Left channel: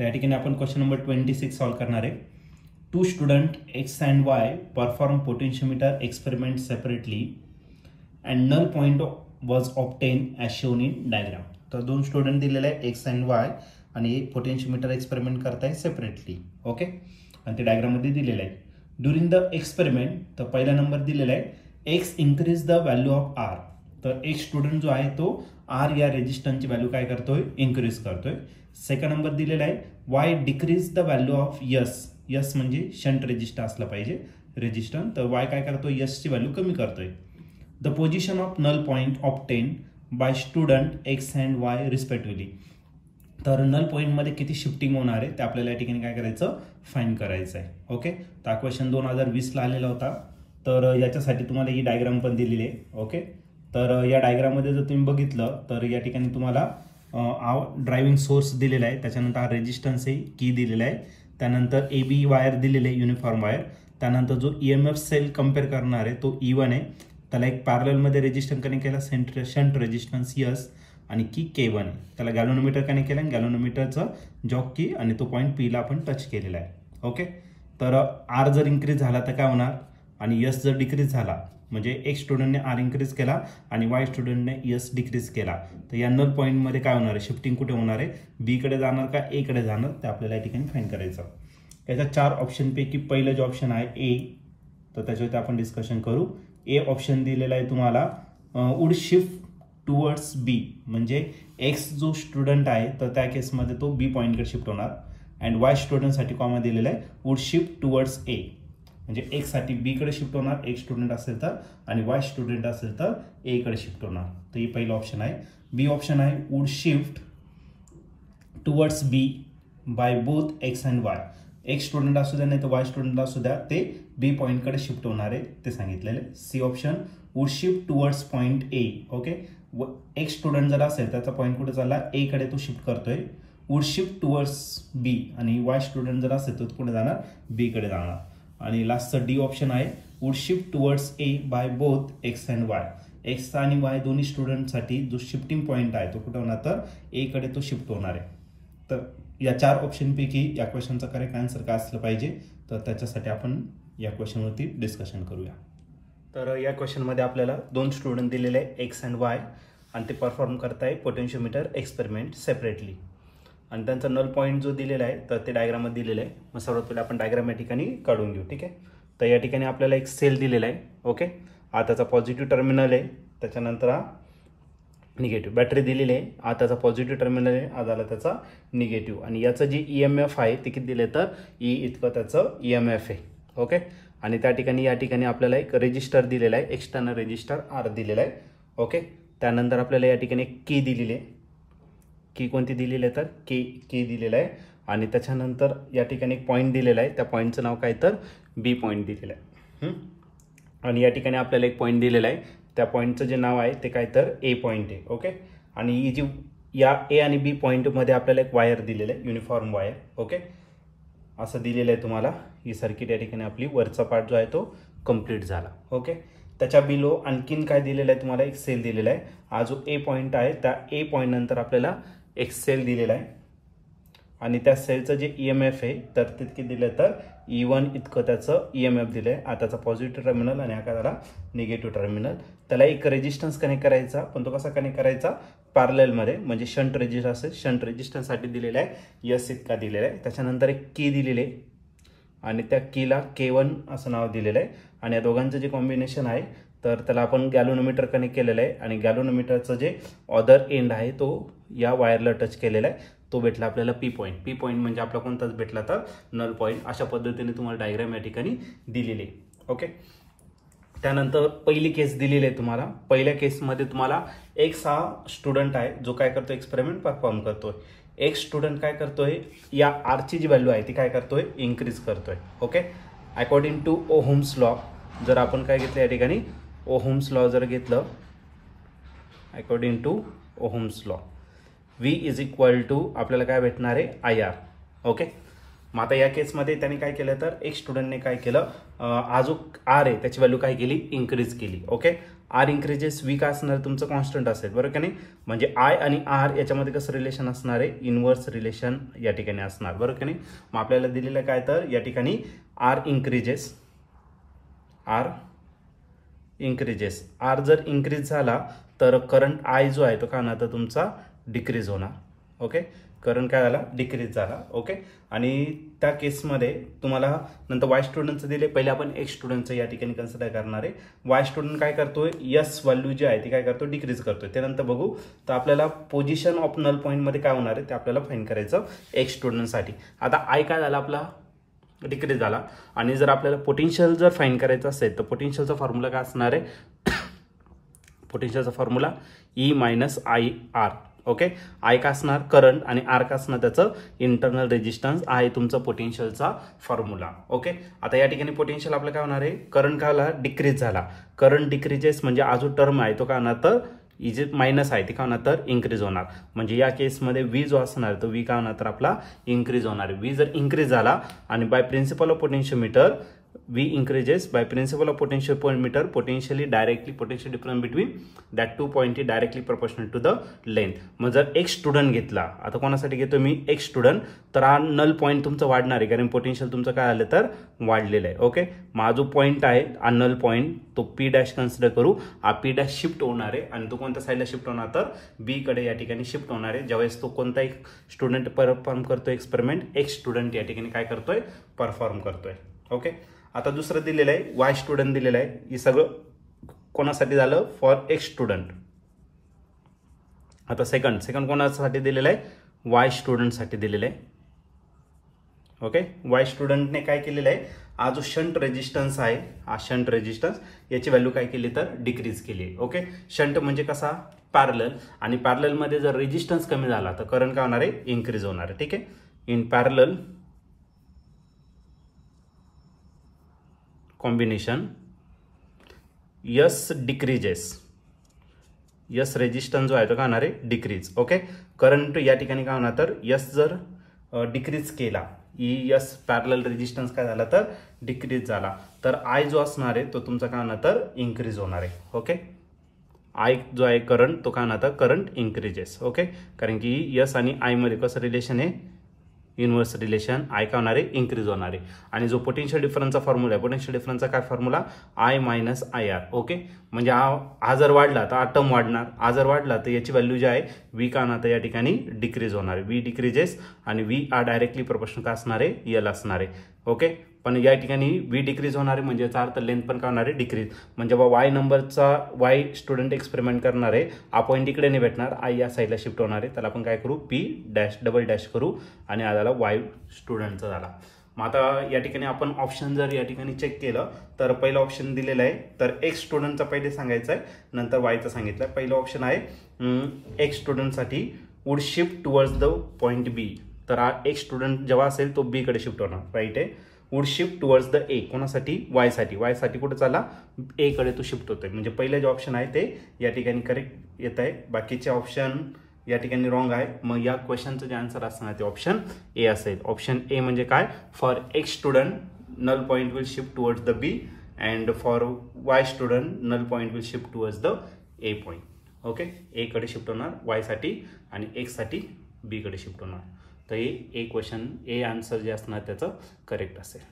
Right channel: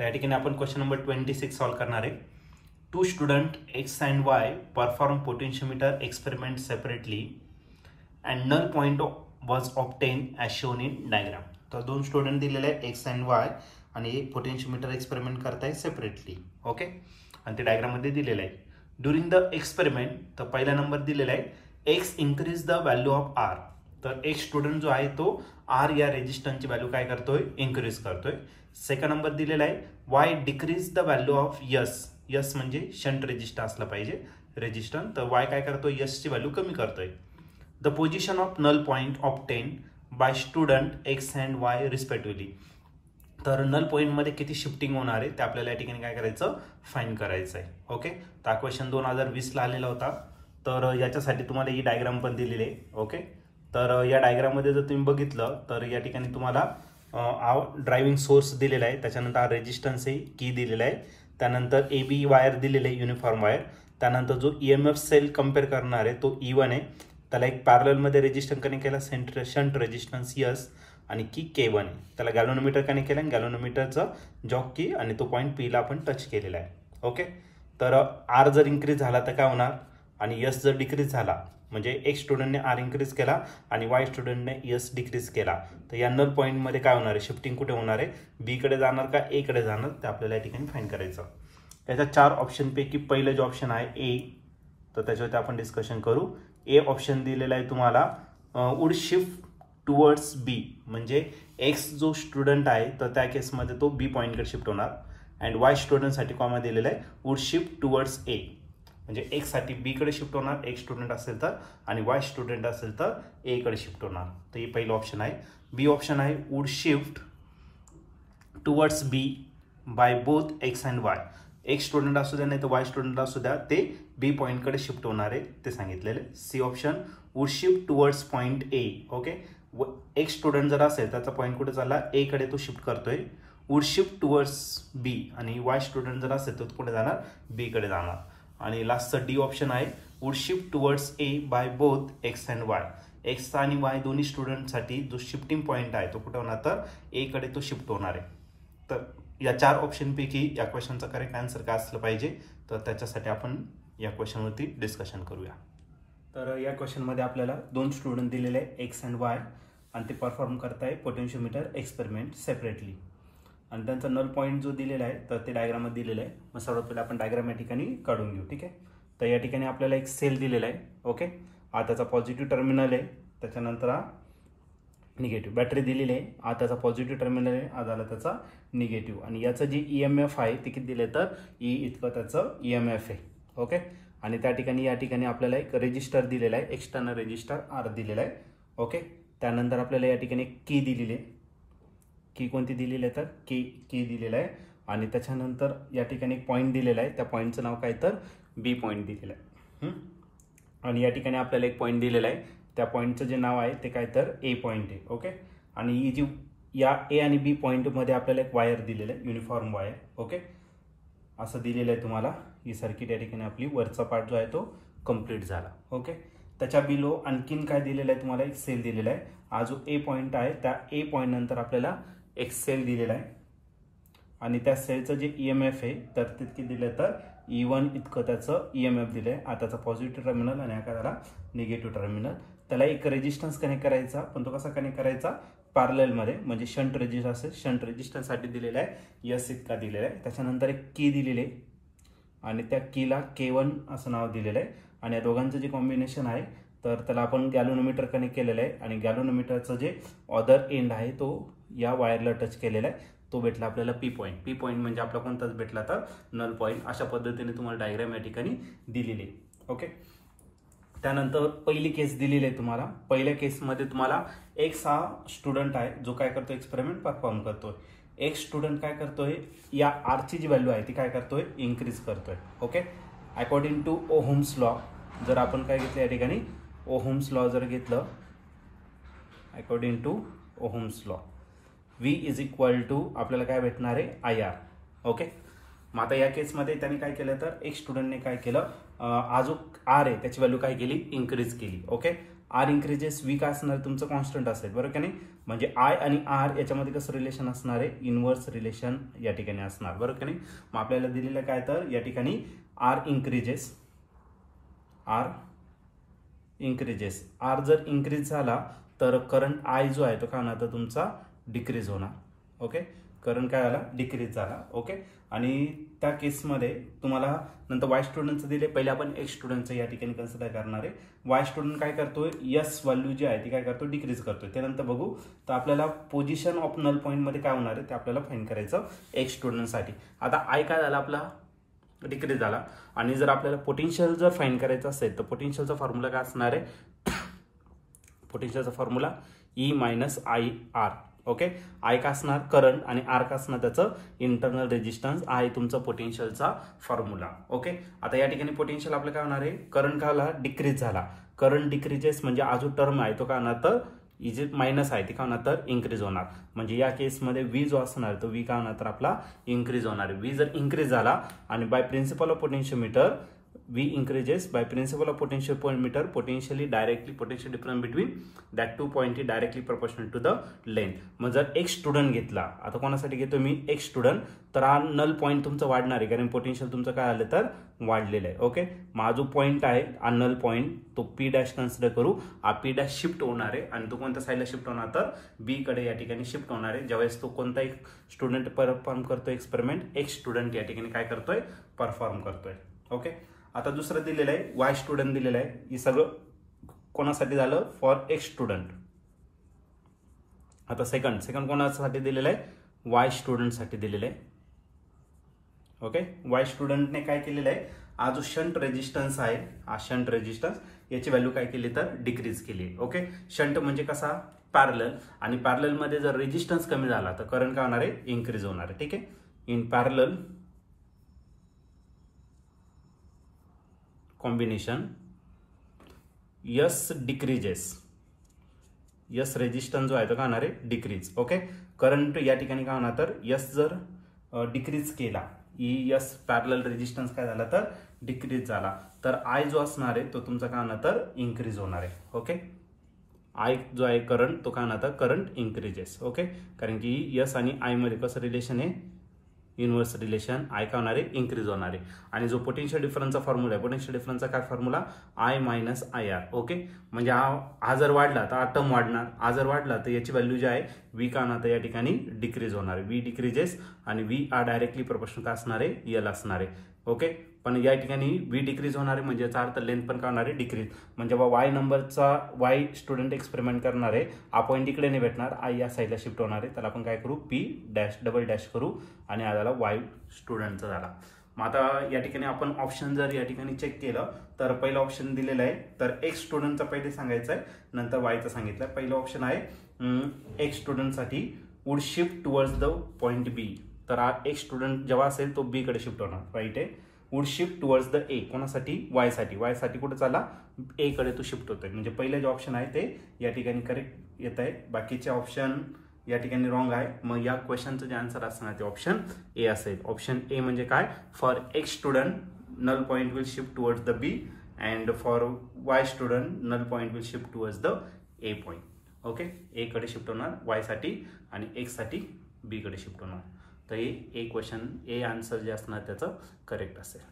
तर या ठिकाणी आपण क्वेश्चन नंबर 26 सॉल्व करणार आहे. Two student X and Y perform potentiometer experiment separately and null point was obtain as shown in diagram. तर दोन स्टुडंट दिलेले आहे एक्स अँड वाय आणि एक पोटेन्शियोमीटर एक्सपेरिमेंट करताय सेपरेटली. ओके, आणि ते डायग्राममध्ये दिलेलं आहे. ड्युरिंग द एक्सपेरिमेंट तर पहिला नंबर दिलेला आहे X increase the value of R. तर एक स्टुडंट जो आहे तो आर या रेजिस्टन्सची व्हॅल्यू काय करतोय, इन्क्रीज करतोय. सेकंड नंबर दिलेला आहे Y decrease the value of yes. Yes म्हणजे शंट रेजिस्टर असला पाहिजे रेजिस्टन्स. तर वाय काय करतोय, यसची व्हॅल्यू कमी करतोय. The position of null point obtain by student X and Y respectively. तर नल पॉईंटमध्ये किती शिफ्टिंग होणार आहे ते आपल्याला या ठिकाणी काय करायचं, फाइंड करायचं आहे. ओके, तर क्वेश्चन 2020ला आलेला होता. तर याच्यासाठी तुम्हाला ही डायग्राम पण दिलेली आहे. ओके, तर या डायग्राममध्ये जर तुम्ही बघितलं तर या ठिकाणी तुम्हाला ड्रायव्हिंग सोर्स दिलेला आहे, त्याच्यानंतर हा रेजिस्टन्स आहे, की दिलेला आहे, त्यानंतर ए बी वायर दिलेले आहे, युनिफॉर्म वायर. त्यानंतर जो EMF सेल कम्पेअर करणार आहे तो E1 आहे, त्याला एक पॅरललमध्ये रेजिस्टन्स कनेक्ट केला, शंट रेजिस्टन्स यस, आणि की K1 आहे. त्याला गॅलोनोमीटर कनेक्ट केलं आणि गॅलोनोमीटरचं जॉक की आणि तो पॉईंट Pला आपण टच केलेला आहे. ओके, तर आर जर इन्क्रीज झाला तर काय होणार आणि यस जर डिक्रीज झाला म्हणजे एक स्टुडंटने आर इन्क्रीज केला आणि वाय स्टुडंटने यस डिक्रीज केला तर या नल पॉईंटमध्ये काय होणार आहे, शिफ्टिंग कुठे होणार आहे, बी कडे जाणार का ए कडे जाणार, ते आपल्याला या ठिकाणी फाइंड करायचं. त्याच्या 4 ऑप्शनपैकी पहिलं जे ऑप्शन आहे ए, तर त्याच्यावरती आपण डिस्कशन करू. ए ऑप्शन दिलेला आहे तुम्हाला वुड शिफ्ट टुवर्ड्स बी, म्हणजे एक्स जो स्टुडंट आहे तर त्या केसमध्ये तो बी पॉईंटकडे शिफ्ट होणार. अँड वाय स्टुडंटसाठी कॉमा दिलेला आहे वुड शिफ्ट टुवर्ड्स ए, म्हणजे एक्स साठी बी कडे शिफ्ट होणार एक स्टुडंट असेल तर, आणि वाय स्टुडंट असेल तर ए कडे शिफ्ट होणार. तर ही पहिलं ऑप्शन आहे. बी ऑप्शन आहे would shift towards B by both X and Y. एक स्टुडंट असू द्या नाही तर वाय स्टुडंट असू द्या, ते बी पॉईंटकडे शिफ्ट होणार आहे ते सांगितलेले. C option would shift towards point A. Okay, एक स्टुडंट जर असेल त्याचा पॉईंट कुठे चालला, ए कडे तो शिफ्ट करतोय, वुड शिफ्ट टुवर्ड्स बी, आणि वाय स्टुडंट जर असेल तर तो कुठे जाणार, बी कडे जाणार. आणि लास्टचं डी ऑप्शन आहे would shift towards a bye both X and Y. X आणि वाय दोन्ही स्टुडंटसाठी जो शिफ्टिंग पॉईंट आहे तो कुठे होणार, तर ए कडे तो शिफ्ट होणार आहे. तर या 4 ऑप्शनपैकी या क्वेश्चनचा करेक्ट आन्सर काय असलं पाहिजे, तर त्याच्यासाठी आपण या क्वेश्चनवरती डिस्कशन करूया. तर या क्वेश्चनमध्ये आपल्याला 2 स्टुडंट दिलेले आहे एक्स अँड वाय आणि ते परफॉर्म करताय पोटेन्शियोमीटर एक्सपेरिमेंट सेपरेटली, आणि त्यांचा नल पॉईंट जो दिलेला आहे तर ते डायग्रामात दिलेलं आहे. मग सर्वात पहिले आपण डायग्राम या ठिकाणी काढून घेऊ. ठीक आहे, तर या ठिकाणी आपल्याला एक सेल दिलेला आहे. ओके, हा त्याचा पॉझिटिव्ह टर्मिनल आहे, त्याच्यानंतर हा निगेटिव्ह बॅटरी दिलेली आहे, हा त्याचा पॉझिटिव्ह टर्मिनल आहे, हा झाला त्याचा निगेटिव्ह, आणि याचं जे EMF आहे ते किती दिले तर ई इतकं त्याचं EMF आहे. ओके, आणि त्या ठिकाणी या ठिकाणी आपल्याला एक रेजिस्टर दिलेला आहे, एक्सटर्नल रेजिस्टर आर दिलेला आहे. ओके, त्यानंतर आपल्याला या ठिकाणी एक की दिलेली आहे, की कोणती दिलेली आहे तर की दिलेला आहे, आणि त्याच्यानंतर या ठिकाणी एक पॉईंट दिलेला आहे, त्या पॉईंटचं नाव काय तर बी पॉईंट दिलेलं आहे. आणि या ठिकाणी आपल्याला एक पॉईंट दिलेला आहे, त्या पॉईंटचं जे नाव आहे ते काय तर ए पॉईंट आहे. ओके, आणि ही जी या ए आणि बी पॉईंटमध्ये आपल्याला एक वायर दिलेलं आहे, युनिफॉर्म वायर. ओके, असं दिलेलं आहे तुम्हाला. ही सर्किट या ठिकाणी आपली वरचा पार्ट जो आहे तो कम्प्लीट झाला. ओके, त्याच्या बिलो आणखीन काय दिलेलं आहे तुम्हाला, एक सेल दिलेला आहे. हा जो ए पॉईंट आहे त्या ए पॉईंट नंतर आपल्याला एक सेल दिलेला आहे, आणि त्या सेलचं जे EMF आहे तर तितके दिलं तर E1 इतकं त्याचं EMF दिलं आहे. त्याचा पॉझिटिव्ह टर्मिनल आणि हा काय झाला निगेटिव्ह टर्मिनल. त्याला एक रेजिस्टन्स कनेक्ट करायचा, पण तो कसा कनेक्ट करायचा, पॅरललमध्ये, म्हणजे शंट रेजिस्टर असेल, शंट रेजिस्टन्ससाठी दिलेला आहे यस इतका दिलेला आहे. त्याच्यानंतर एक की दिलेली आहे आणि त्या कीला K1 असं नाव दिलेलं आहे, आणि या दोघांचं जे कॉम्बिनेशन आहे तर त्याला आपण गॅलोनोमीटर कनेक्ट केलेलं आहे, आणि गॅलोनोमीटरचं जे अदर एंड आहे तो या वायरला टच केलेला आहे, तो भेटला आपल्याला पी पॉईंट. पी पॉईंट म्हणजे आपला कोणताच भेटला तर नल पॉईंट. अशा पद्धतीने तुम्हाला डायग्राम या ठिकाणी दिलेली आहे. ओके, त्यानंतर पहिली केस दिलेली आहे तुम्हाला. पहिल्या केसमध्ये तुम्हाला एक्स हा स्टुडंट आहे जो काय करतोय, एक्सपेरिमेंट परफॉर्म करतोय. एक स्टुडंट काय करतोय, या आरची जी व्हॅल्यू आहे ती काय करतोय, इन्क्रीज करतोय. Okay, according to Ohm's law, जर आपण काय घेतलं या ठिकाणी ओहम्स लॉ जर घेतलं, according to Ohm's law V is equal to आपल्याला काय भेटणार आहे IR. ओके, मग आता या केसमध्ये त्याने काय केलं तर एक स्टुडंटने काय केलं, हा जो आर आहे त्याची व्हॅल्यू काय केली, इन्क्रीज केली. ओके, आर इन्क्रीजेस व्ही काय असणार तुमचं कॉन्स्टंट असेल बरोबर का नाही. म्हणजे आय आणि आर याच्यामध्ये कसं रिलेशन असणार आहे, इनव्हर्स रिलेशन या ठिकाणी असणार बरोबर का नाही. मग आपल्याला दिलेलं काय तर या ठिकाणी आर इन्क्रीजेस, आर जर इन्क्रीज झाला तर करंट आय जो आहे तो काय होणार तर तुमचा डिक्रीज होणार. ओके, करंट काय झाला डिक्रीज झाला. ओके, आणि त्या केसमध्ये तुम्हाला नंतर वाय स्टुडंटचं दिले. पहिले आपण एक्स स्टुडंटचं या ठिकाणी कन्सिडर करणार आहे. वाय स्टुडंट काय करतोय, यस व्हॅल्यू जी आहे ती काय करतो डिक्रीज करतोय. त्यानंतर बघू तर आपल्याला पोझिशन ऑफ नल पॉईंटमध्ये काय होणार आहे ते आपल्याला फाइंड करायचं एक्स स्टुडंटसाठी. आता आय काय झाला आपला डिक्रीज झाला. आणि जर आपल्याला पोटेन्शियल जर फाइंड करायचं असेल तर पोटेन्शियलचा फॉर्म्युला काय असणार आहे, पोटेन्शियलचा formula E minus I R. Okay, I का असणार करंट आणि आर का असणार त्याचं इंटरनल रेजिस्टन्स आहे तुमचा पोटेन्शियलचा फॉर्म्युला. ओके, आता या ठिकाणी पोटेन्शियल आपलं काय होणार आहे, करंट काय झाला डिक्रीज झाला. करंट डिक्रीजेस म्हणजे हा जो टर्म आहे तो काय होणार तर इज मायनस आहे ती काय होणार तर इन्क्रीज होणार. म्हणजे या केसमध्ये व्ही जो असणार तो व्ही काय होणार तर आपला इन्क्रीज होणार. व्ही जर इन्क्रीज झाला आणि by principle of potentiometer V increases by principle of potentiometer potentially directly potential difference between that two point is directly proportional to the length. मग जर एक स्टुडंट घेतला, आता कोणासाठी घेतो मी एक स्टुडंट, तर हा नल पॉईंट तुमचा वाढणार आहे कारण पोटेन्शियल तुमचं काय आलं तर वाढलेलं आहे. ओके, मग हा जो पॉईंट आहे हा नल पॉईंट तो पी डॅश कन्सिडर करू. हा पी डॅश शिफ्ट होणार आहे आणि तो कोणत्या साईडला शिफ्ट होणार तर बी कडे या ठिकाणी शिफ्ट होणार आहे. ज्यावेळेस तो कोणता एक स्टुडंट परफॉर्म करतोय एक्सपेरिमेंट, एक स्टुडंट या ठिकाणी काय करतोय परफॉर्म करतोय. ओके, आता दुसरं दिलेलं आहे वाय स्टुडंट दिलेलं आहे. हे सगळं कोणासाठी झालं फॉर एक्स स्टुडंट. आता सेकंड कोणासाठी दिलेलं आहे, वाय स्टुडंटसाठी दिलेलं आहे. ओके, वाय स्टुडंटने काय केलेलं आहे, हा जो शंट रेजिस्टन्स आहे हा शंट रेजिस्टन्स याची व्हॅल्यू काय केली तर डिक्रीज केली आहे. ओके, शंट म्हणजे कसा पॅरलल, आणि पॅरलल मध्ये जर रेजिस्टन्स कमी झाला तर करंट काय होणार आहे इन्क्रीज होणार आहे. ठीक आहे, in parallel combination yes decreases, yes resistance जो आहे तो काय होणार आहे डिक्रीज. ओके, करंट या ठिकाणी काय होणार तर यस जर डिक्रीज केला, यस पॅरलल रेजिस्टन्स काय झाला तर डिक्रीज झाला, तर आय जो असणार आहे तो तुमचा काय होणार तर इन्क्रीज होणार आहे. ओके, आय जो आहे करंट तो काय होणार तर करंट इन्क्रीजेस. ओके, कारण की यस आणि आय मध्ये कसं रिलेशन आहे इनवर्स रिलेशन, आय काय होणार आहे इन्क्रीज होणार आहे. आणि जो पोटेन्शियल डिफरन्सचा फॉर्म्युला आहे, पोटेन्शियल डिफरन्सचा काय formula I minus I R. Okay, म्हणजे हा जर वाढला तर हा टर्म वाढणार, हा जर वाढला तर याची व्हॅल्यू जी आहे व्ही काय होणार तर या ठिकाणी डिक्रीज होणार आहे. व्ही डिक्रीजेस आणि व्ही आर डायरेक्टली प्रोपोर्शनल काय असणार आहे एल असणार आहे. ओके, पण या ठिकाणी व्ही डिक्रीज होणार आहे म्हणजे याचा अर्थ लेंथ पण काय होणार आहे डिक्रीज. म्हणजे वाय नंबरचा वाय स्टुडंट एक्सपेरिमेंट करणार आहे, हा पॉईंट इकडे नाही भेटणार, आय या साईडला शिफ्ट होणार आहे, त्याला आपण काय करू पी डॅश डबल डॅश करू आणि हा झाला वाय स्टुडंटचा झाला. मग आता या ठिकाणी आपण ऑप्शन जर या ठिकाणी चेक केलं तर पहिलं ऑप्शन दिलेलं आहे तर एक्स स्टुडंटचा पहिले सांगायचं आहे नंतर वायचं सांगितलं. पहिलं ऑप्शन आहे एक्स स्टुडंटसाठी would shift towards the point B. तर हा एक्स स्टुडंट जेव्हा असेल तो बी कडे शिफ्ट होणार, राईट आहे. वुड शिफ्ट टुवर्ड्स द ए, कोणासाठी वायसाठी, वायसाठी कुठे चालला ए कडे तो शिफ्ट होतोय. म्हणजे पहिले जे ऑप्शन आहे ते या ठिकाणी करेक्ट येत आहे, बाकीचे ऑप्शन या ठिकाणी रॉंग आहे. मग या क्वेश्चनचं जे आन्सर असणार ते ऑप्शन ए असेल. ऑप्शन ए म्हणजे काय, for X student null point will shift towards the B and for Y student null point will shift towards the A point. Okay, A कडे शिफ्ट होणार वाय साठी आणि x साठी बी कडे shift होणार. तर हे क्वेश्चन ए आन्सर जे असणार त्याचं करेक्ट असेल.